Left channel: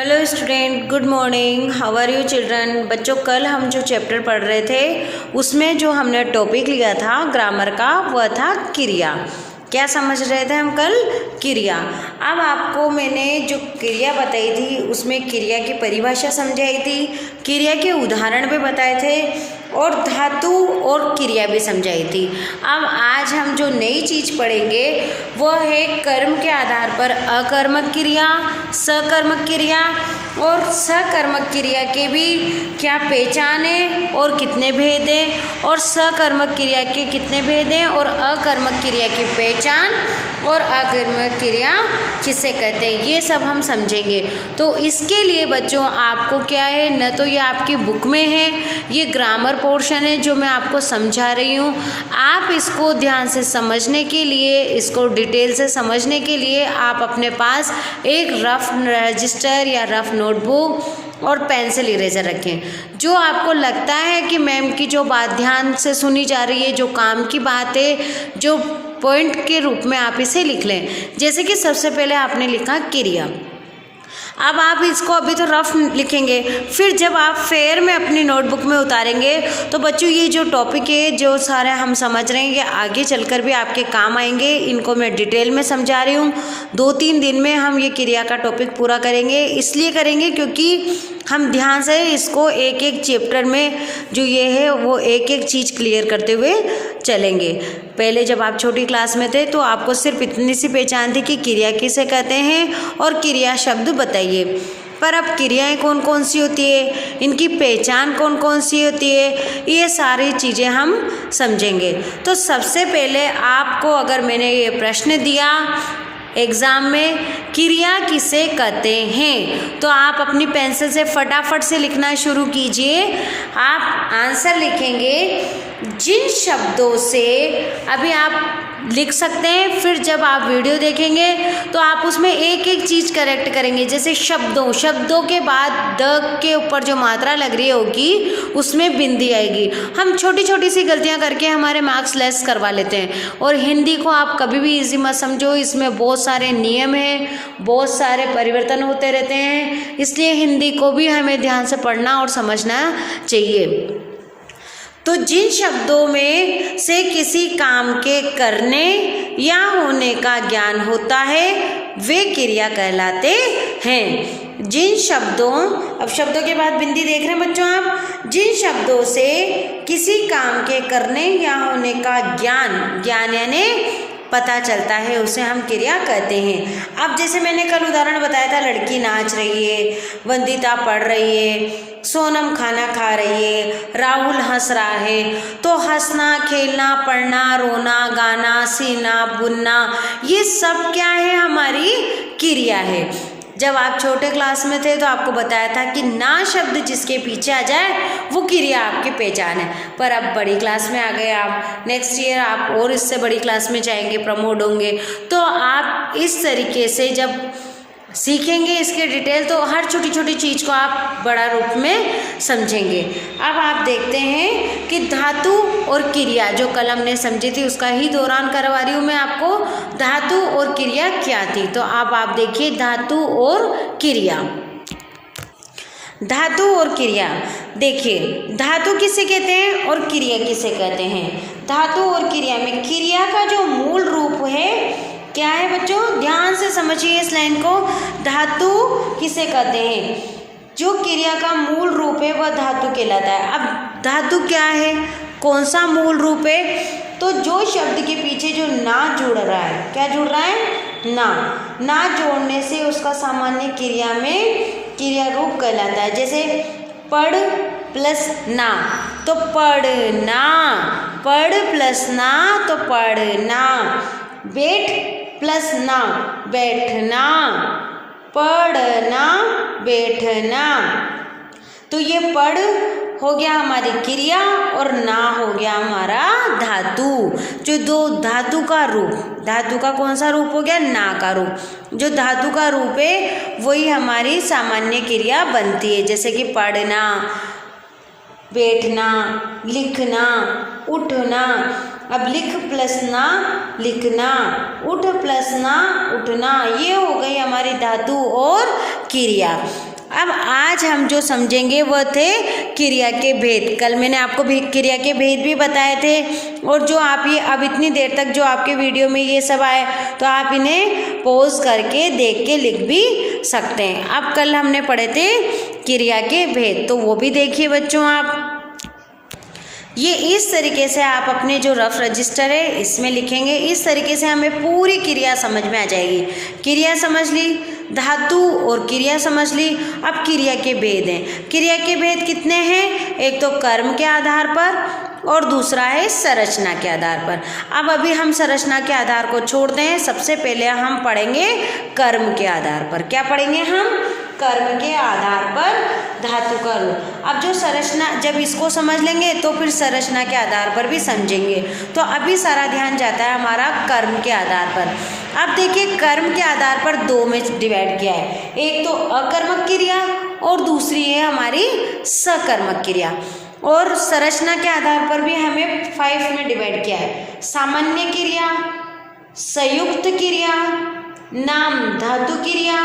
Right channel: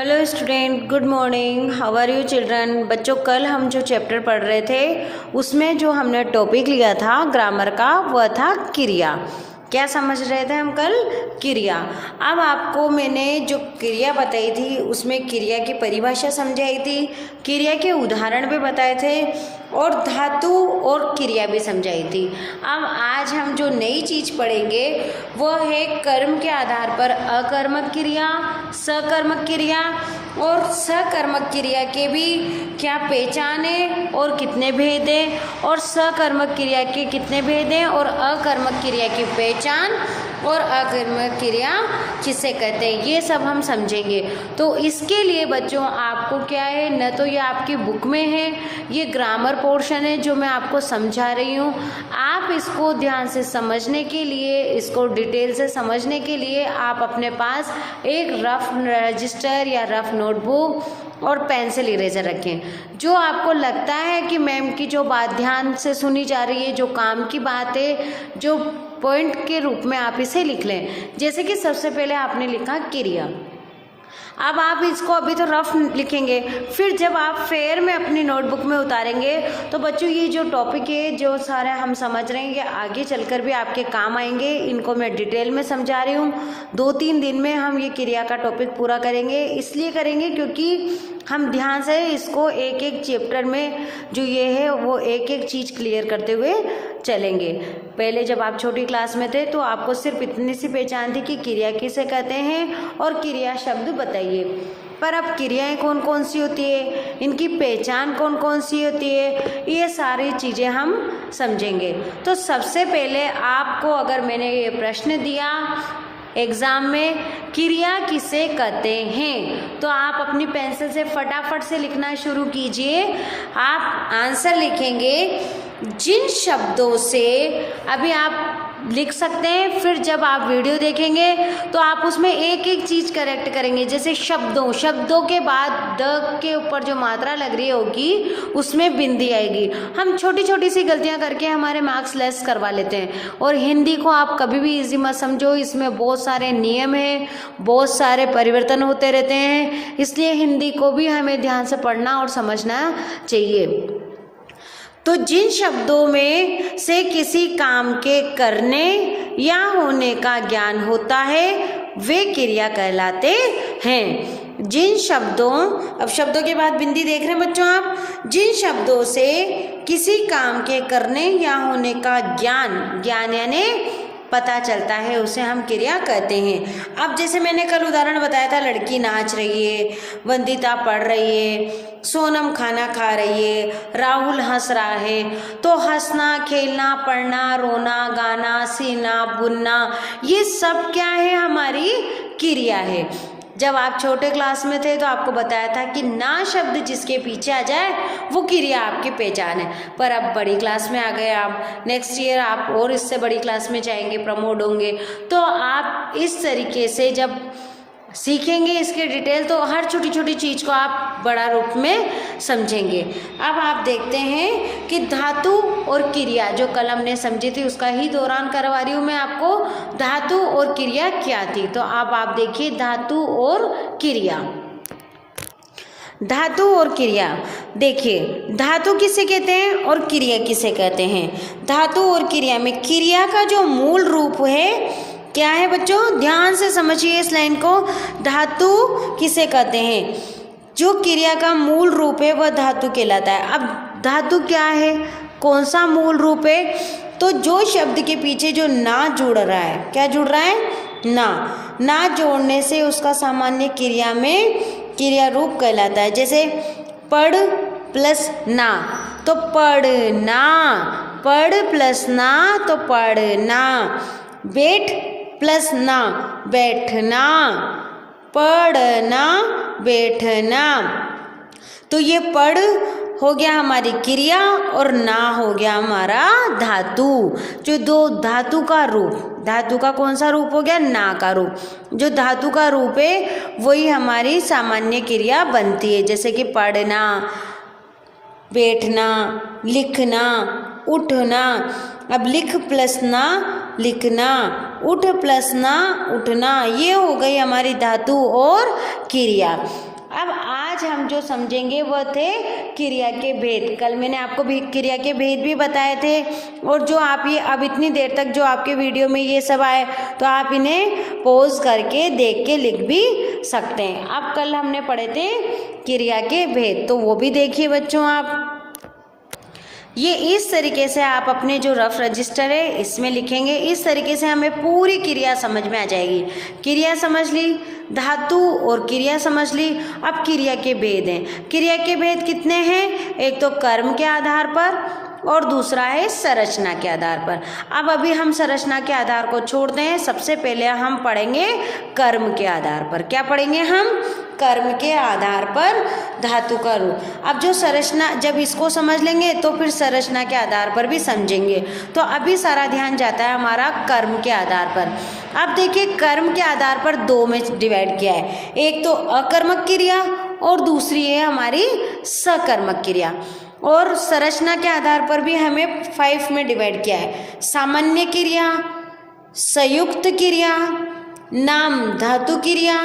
Hello student, good morning. How are you children. बच्चों, कल हम जो चैप्टर पढ़ रहे थे उसमें जो हमने टॉपिक लिया था ग्रामर का वह था क्रिया। क्या समझ रहे थे हम कल? क्रिया। अब आपको मैंने जो क्रिया बताई थी उसमें क्रिया की परिभाषा समझाई थी, क्रिया के उदाहरण भी बताए थे और धातु और क्रिया भी समझाई थी। अब आज हम जो नई चीज़ पढ़ेंगे वह है कर्म के आधार पर अकर्मक क्रिया, सकर्मक क्रिया और सकर्मक क्रिया के भी क्या पहचान है और कितने भेद हैं, और सकर्मक क्रिया के कितने भेद हैं, और अकर्मक क्रिया की पहचान और अकर्मक क्रिया किसे कहते हैं, ये सब हम समझेंगे। तो इसके लिए बच्चों आपको क्या है, न तो ये आपकी बुक में है, ये ग्रामर पोर्शन है जो मैं आपको समझा रही हूँ। आप इसको ध्यान से समझने के लिए, इसको डिटेल से समझने के लिए आप अपने पास एक रफ रजिस्टर या रफ नोटबुक और पेंसिल इरेजर रखें। जो आपको लगता है कि मैम की जो बात ध्यान से सुनी जा रही है, जो काम की बात है, जो पॉइंट के रूप में आप इसे लिख लें। जैसे कि सबसे पहले आपने लिखा क्रिया। अब आप इसको अभी तो रफ लिखेंगे, फिर जब आप फेयर में अपनी नोटबुक में उतारेंगे तो बच्चों ये जो टॉपिक है जो सारे हम समझ रहे हैं ये आगे चलकर भी आपके काम आएंगे। इनको मैं डिटेल में समझा रही हूँ। 2-3 दिन में हम ये क्रिया का टॉपिक पूरा करेंगे। इसलिए करेंगे क्योंकि हम ध्यान से इसको एक एक चैप्टर में जो ये है वो एक एक चीज़ क्लियर करते हुए चलेंगे। पहले जब आप छोटी क्लास में थे तो आपको सिर्फ इतनी सी पहचान थी कि क्रिया किसे कहते हैं और क्रिया शब्द बताइए, पर अब क्रियाएं कौन कौन सी होती है, इनकी पहचान कौन कौन सी होती है, ये सारी चीज़ें हम समझेंगे। तो सबसे पहले आपको अगर मैंने ये प्रश्न दिया एग्ज़ाम में, क्रिया किसे कहते हैं, तो आप अपनी पेंसिल से फटाफट से लिखना शुरू कीजिए। आप आंसर लिखेंगे जिन शब्दों से, अभी आप लिख सकते हैं, फिर जब आप वीडियो देखेंगे तो आप उसमें एक एक चीज़ करेक्ट करेंगे। जैसे शब्दों के बाद द के ऊपर जो मात्रा लग रही होगी उसमें बिंदी आएगी। हम छोटी छोटी सी गलतियां करके हमारे मार्क्स लेस करवा लेते हैं। और हिंदी को आप कभी भी इजी मत समझो, इसमें बहुत सारे नियम हैं, बहुत सारे परिवर्तन होते रहते हैं, इसलिए हिंदी को भी हमें ध्यान से पढ़ना और समझना चाहिए। तो जिन शब्दों में से किसी काम के करने या होने का ज्ञान होता है वे क्रिया कहलाते हैं। जिन शब्दों, अब शब्दों के बाद बिंदी देख रहे हैं बच्चों आप, जिन शब्दों से किसी काम के करने या होने का ज्ञान यानी पता चलता है उसे हम क्रिया कहते हैं। अब जैसे मैंने कल उदाहरण बताया था, लड़की नाच रही है, वंदिता पढ़ रही है, सोनम खाना खा रही है, राहुल हंस रहा है। तो हंसना, खेलना, पढ़ना, रोना, गाना, सीना, बुनना, ये सब क्या है, हमारी क्रिया है। जब आप छोटे क्लास में थे तो आपको बताया था कि ना शब्द जिसके पीछे आ जाए वो क्रिया आपकी पहचान है। पर अब बड़ी क्लास में आ गए आप, नेक्स्ट ईयर आप और इससे बड़ी क्लास में जाएंगे, प्रमोट होंगे, तो आप इस तरीके से जब सीखेंगे इसके डिटेल तो हर छोटी छोटी चीज़ को आप बड़ा रूप में समझेंगे। अब आप देखते हैं कि धातु और क्रिया जो कल हमने समझी थी उसका ही दौरान करवा रही हूँ मैं आपको। धातु और क्रिया क्या थी, तो अब आप देखिए धातु और क्रिया। धातु और क्रिया देखिए, धातु किसे कहते हैं और क्रिया किसे कहते हैं। धातु और क्रिया में क्रिया का जो मूल रूप है क्या है बच्चों, ध्यान से समझिए इस लाइन को। धातु किसे कहते हैं, जो क्रिया का मूल रूप है वह धातु कहलाता है। अब धातु क्या है, कौन सा मूल रूप है, तो जो शब्द के पीछे जो ना जुड़ रहा है, क्या जुड़ रहा है, ना जोड़ने से उसका सामान्य क्रिया में क्रिया रूप कहलाता है। जैसे पढ़ प्लस ना तो पढ़ना, पढ़ प्लस ना तो पढ़ना, बैठ प्लस ना बैठना, पढ़ना बैठना। तो ये पढ़ हो गया हमारी क्रिया और ना हो गया हमारा धातु। जो दो धातु का रूप, धातु का कौन सा रूप हो गया, ना का रूप, जो धातु का रूप है वही हमारी सामान्य क्रिया बनती है। जैसे कि पढ़ना, बैठना, लिखना, उठना। अब लिख प्लस ना लिखना, उठ प्लस ना उठना, ये हो गई हमारी धातु और क्रिया। आज हम जो समझेंगे वह थे क्रिया के भेद। कल मैंने आपको क्रिया के भेद भी बताए थे, और जो आप ये अब इतनी देर तक जो आपके वीडियो में ये सब आए तो आप इन्हें पॉज करके देख के लिख भी सकते हैं। अब कल हमने पढ़े थे क्रिया के भेद, तो वो भी देखिए बच्चों आप। ये इस तरीके से आप अपने जो रफ रजिस्टर है इसमें लिखेंगे। इस तरीके से हमें पूरी क्रिया समझ में आ जाएगी। क्रिया समझ ली, धातु और क्रिया समझ ली। अब क्रिया के भेद हैं। क्रिया के भेद कितने हैं? एक तो कर्म के आधार पर और दूसरा है संरचना के आधार पर। अब अभी हम संरचना के आधार को छोड़ते हैं। सबसे पहले हम पढ़ेंगे कर्म के आधार पर। क्या पढ़ेंगे हम? कर्म के आधार पर धातु का रूप। अब जो संरचना, जब इसको समझ लेंगे तो फिर संरचना के आधार पर भी समझेंगे। तो अभी सारा ध्यान जाता है हमारा कर्म के आधार पर। अब देखिए कर्म के आधार पर दो में डिवाइड किया है। एक तो अकर्मक क्रिया और दूसरी है हमारी सकर्मक क्रिया। और संरचना के आधार पर भी हमें 5 में डिवाइड किया है। सामान्य क्रिया, संयुक्त क्रिया, नाम धातु क्रिया,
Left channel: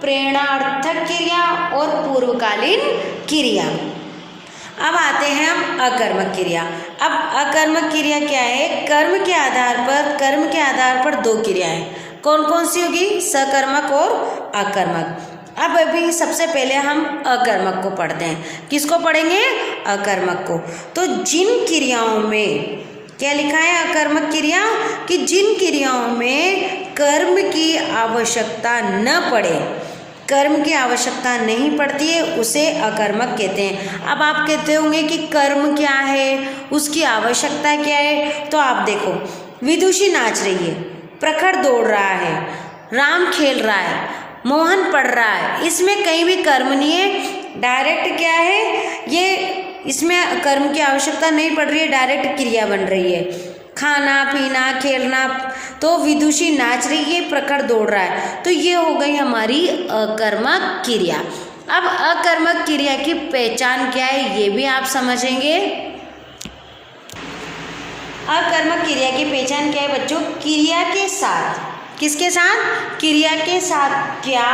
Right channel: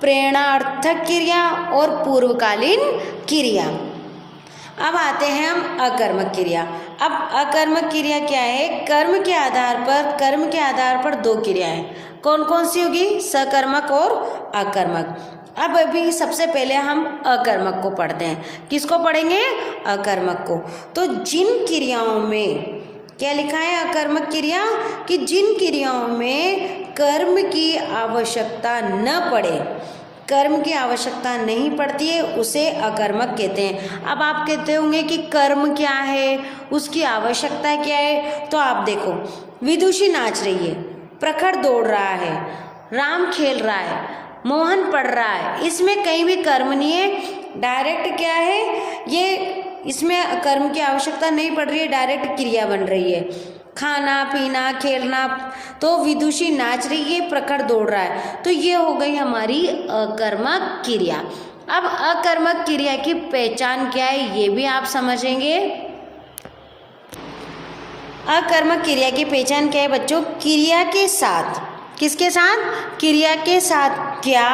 प्रेरणार्थक क्रिया और पूर्वकालीन क्रिया। अब आते हैं हम अकर्मक क्रिया। अब अकर्मक क्रिया क्या है? कर्म के आधार पर दो क्रियाएं। कौन कौन सी होगी? सकर्मक और अकर्मक। अब अभी सबसे पहले हम अकर्मक को पढ़ते हैं। किसको पढ़ेंगे? अकर्मक को। तो जिन क्रियाओं में क्या लिखा है अकर्मक क्रिया? कि जिन क्रियाओं में कर्म की आवश्यकता न पड़े, कर्म की आवश्यकता नहीं पड़ती है, उसे अकर्मक कहते हैं। अब आप कहते होंगे कि कर्म क्या है, उसकी आवश्यकता क्या है? तो आप देखो, विदुषी नाच रही है, प्रखर दौड़ रहा है, राम खेल रहा है, मोहन पढ़ रहा है, इसमें कहीं भी कर्म नहीं है। डायरेक्ट क्या है ये, इसमें कर्म की आवश्यकता नहीं पड़ रही है, डायरेक्ट क्रिया बन रही है। खाना पीना खेलना, तो विदुषी नाच रही है, प्रखर दौड़ रहा है, तो ये हो गई हमारी अकर्मक क्रिया। अब अकर्मक क्रिया की पहचान क्या है ये भी आप समझेंगे। अकर्मक क्रिया की पहचान क्या है बच्चों? क्रिया के साथ, किसके साथ? क्रिया के साथ क्या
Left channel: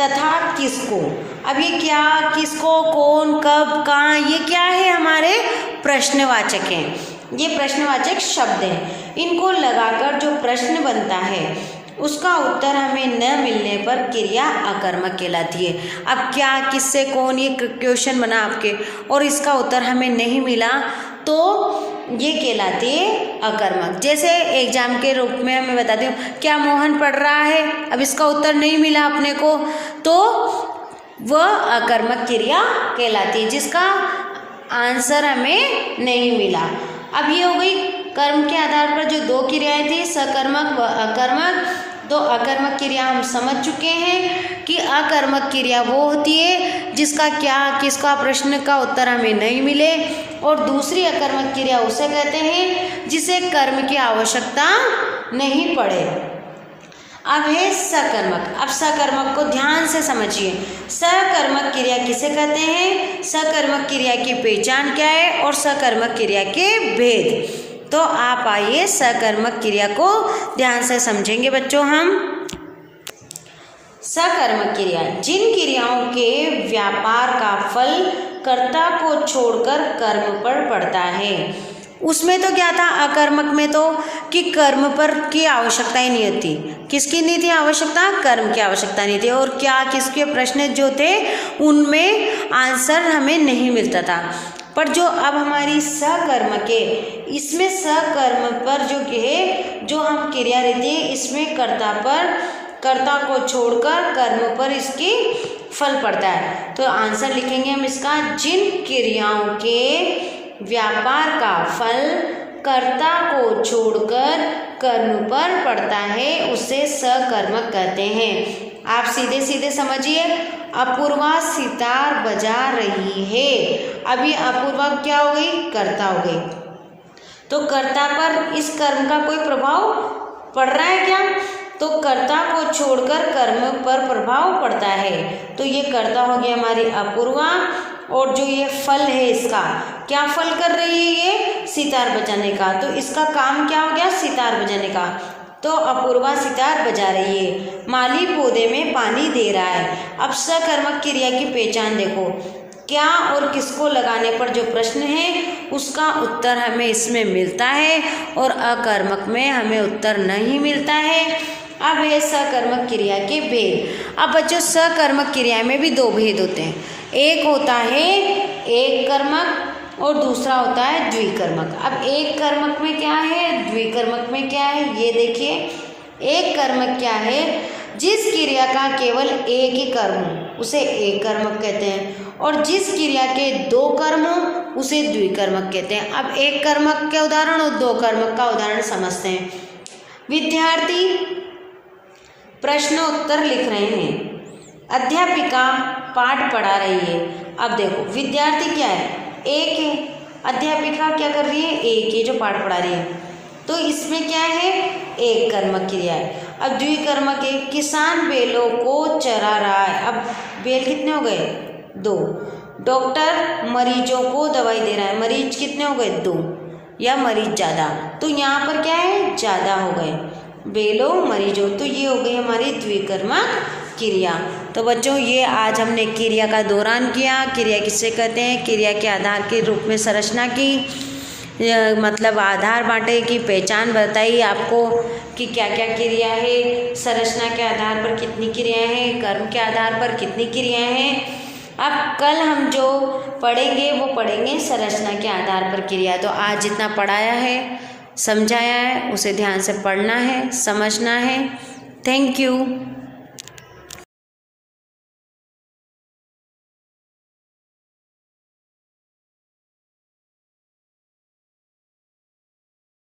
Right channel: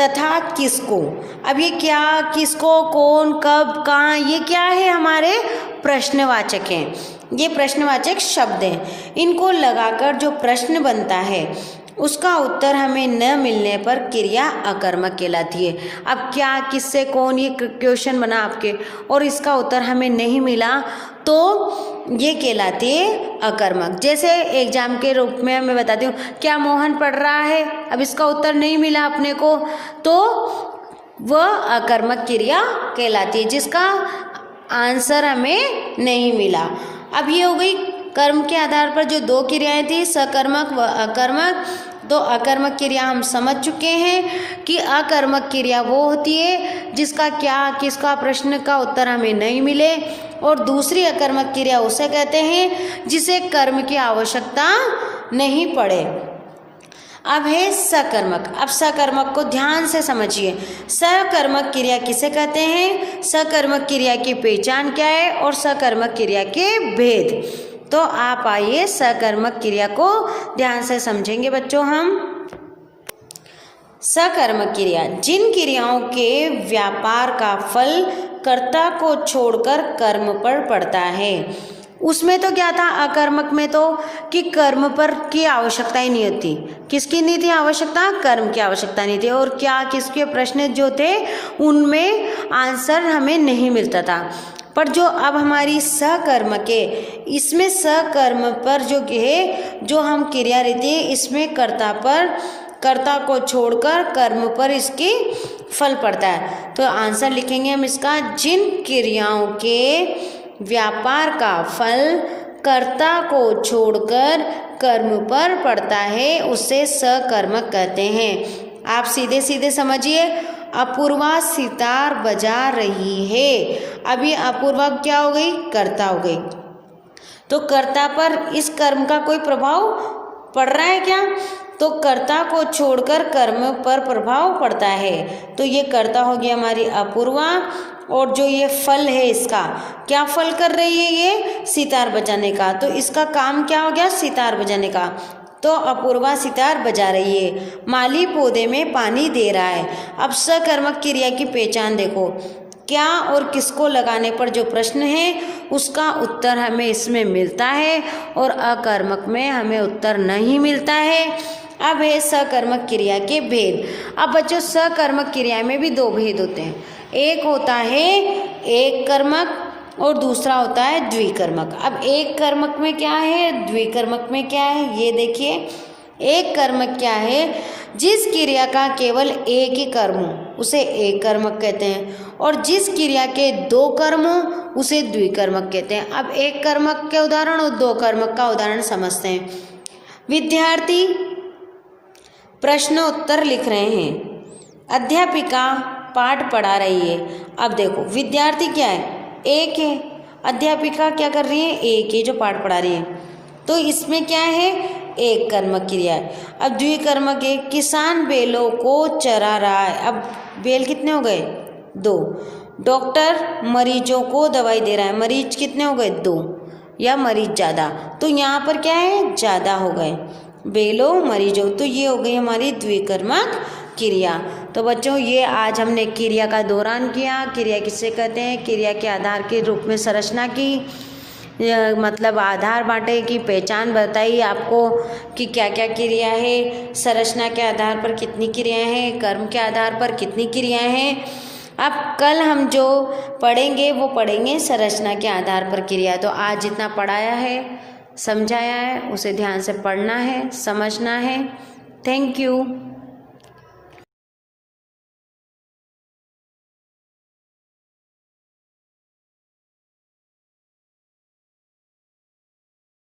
तथा किसको। अब ये क्या, किसको, कौन, कब, कहाँ, ये क्या है? हमारे प्रश्नवाचक हैं। ये प्रश्नवाचक शब्द हैं। इनको लगाकर जो प्रश्न बनता है उसका उत्तर हमें न मिलने पर क्रिया अकर्मक कहलाती है। अब क्या, किससे, कौन, ये क्वेश्चन बना आपके और इसका उत्तर हमें नहीं मिला तो ये कहलाती है अकर्मक। जैसे एग्जाम के रूप में मैं बताती हूँ, क्या मोहन पढ़ रहा है? अब इसका उत्तर नहीं मिला अपने को, तो वह अकर्मक क्रिया कहलाती है, जिसका आंसर हमें नहीं मिला। अब ये हो गई कर्म के आधार पर जो दो क्रियाएं थी, सकर्मक व अकर्मक। तो अकर्मक क्रिया हम समझ चुके हैं कि अकर्मक क्रिया वो होती है जिसका क्या, किसका प्रश्न का उत्तर हमें नहीं मिले, और दूसरी अकर्मक क्रिया उसे कहते हैं जिसे कर्म की आवश्यकता नहीं पड़े। अब है सकर्मक। अब सकर्मक को ध्यान से समझिए। सकर्मक क्रिया किसे कहते हैं? सकर्मक क्रिया की पहचान क्या है और सकर्मक क्रिया के भेद। तो आप आइए सकर्मक क्रिया को ध्यान से समझेंगे बच्चों हम। सकर्मक क्रिया, जिन क्रियाओं के व्यापार का फल कर्ता को छोड़कर कर्म पर पड़ता है। उसमें तो क्या था अकर्मक में, तो कि कर्म पर की आवश्यकता ही नहीं थी। किसकी नहीं थी आवश्यकता? कर्म की आवश्यकता नहीं थी। और क्या, किसके प्रश्न जो थे उनमें आंसर हमें नहीं मिलता था। पर जो अब हमारी सकर्मक है, इसमें सकर्म पर जो है, जो हम क्रिया रहती है, इसमें कर्ता को छोड़कर कर्म पर इसकी फल पड़ता है। तो आंसर लिखेंगे हम इसका, जिन क्रियाओं के व्यापार का फल कर्ता को छोड़कर कर्म पर पड़ता है उसे सकर्मक कहते हैं। आप सीधे सीधे समझिए। अपूर्वा सितार बजा रही है। अभी अपूर्वा क्या हो गई? कर्ता हो गई। तो कर्ता पर इस कर्म का कोई प्रभाव पड़ रहा है क्या? तो कर्ता को छोड़कर कर्म पर प्रभाव पड़ता है। तो ये कर्ता हो गया हमारी अपूर्वा, और जो ये फल है इसका, क्या फल कर रही है ये? सितार बजाने का। तो इसका काम क्या हो गया? सितार बजाने का। तो अपूर्वा सितार बजा रही है। माली पौधे में पानी दे रहा है। अब सकर्मक क्रिया की पहचान देखो। क्या और किसको लगाने पर जो प्रश्न है उसका उत्तर हमें इसमें मिलता है और अकर्मक में हमें उत्तर नहीं मिलता है। अब है सकर्मक क्रिया के भेद। अब बच्चों सकर्मक क्रिया में भी दो भेद होते हैं। एक होता है एक कर्मक और दूसरा होता है द्विकर्मक। अब एक कर्मक में क्या है, द्विकर्मक में क्या है, ये देखिए। एक कर्मक क्या है, जिस क्रिया का केवल एक ही कर्म हो उसे एक कर्मक कहते हैं और जिस क्रिया के दो कर्म हो उसे द्विकर्मक कहते हैं। अब एक कर्मक के उदाहरण और दो कर्मक का उदाहरण समझते हैं। विद्यार्थी प्रश्नोत्तर लिख रहे हैं, अध्यापिका पाठ पढ़ा रही है। अब देखो विद्यार्थी क्या है, एक है, अध्यापिका क्या कर रही है, एक है जो पाठ पढ़ा रही है, तो इसमें क्या है, एक कर्मक क्रिया है। अब द्विकर्मक है, किसान बैलों को चरा रहा है। अब बैल कितने हो गए, दो। डॉक्टर मरीजों को दवाई दे रहा है, मरीज कितने हो गए, दो, या मरीज ज़्यादा, तो यहाँ पर क्या है, ज़्यादा हो गए, बैलों मरीजों, तो ये हो गई हमारी द्विकर्मक क्रिया। तो बच्चों ये आज हमने क्रिया का दौरान किया। क्रिया किससे कहते हैं, क्रिया के आधार के रूप में संरचना की, मतलब आधार बांटे की पहचान बताई आपको कि क्या क्या क्रिया है, संरचना के आधार पर कितनी क्रियाएं हैं, कर्म के आधार पर कितनी क्रियाएं हैं। अब कल हम जो पढ़ेंगे वो पढ़ेंगे संरचना के आधार पर क्रिया। तो आज जितना पढ़ाया है, समझाया है, उसे ध्यान से पढ़ना है, समझना है। Thank you.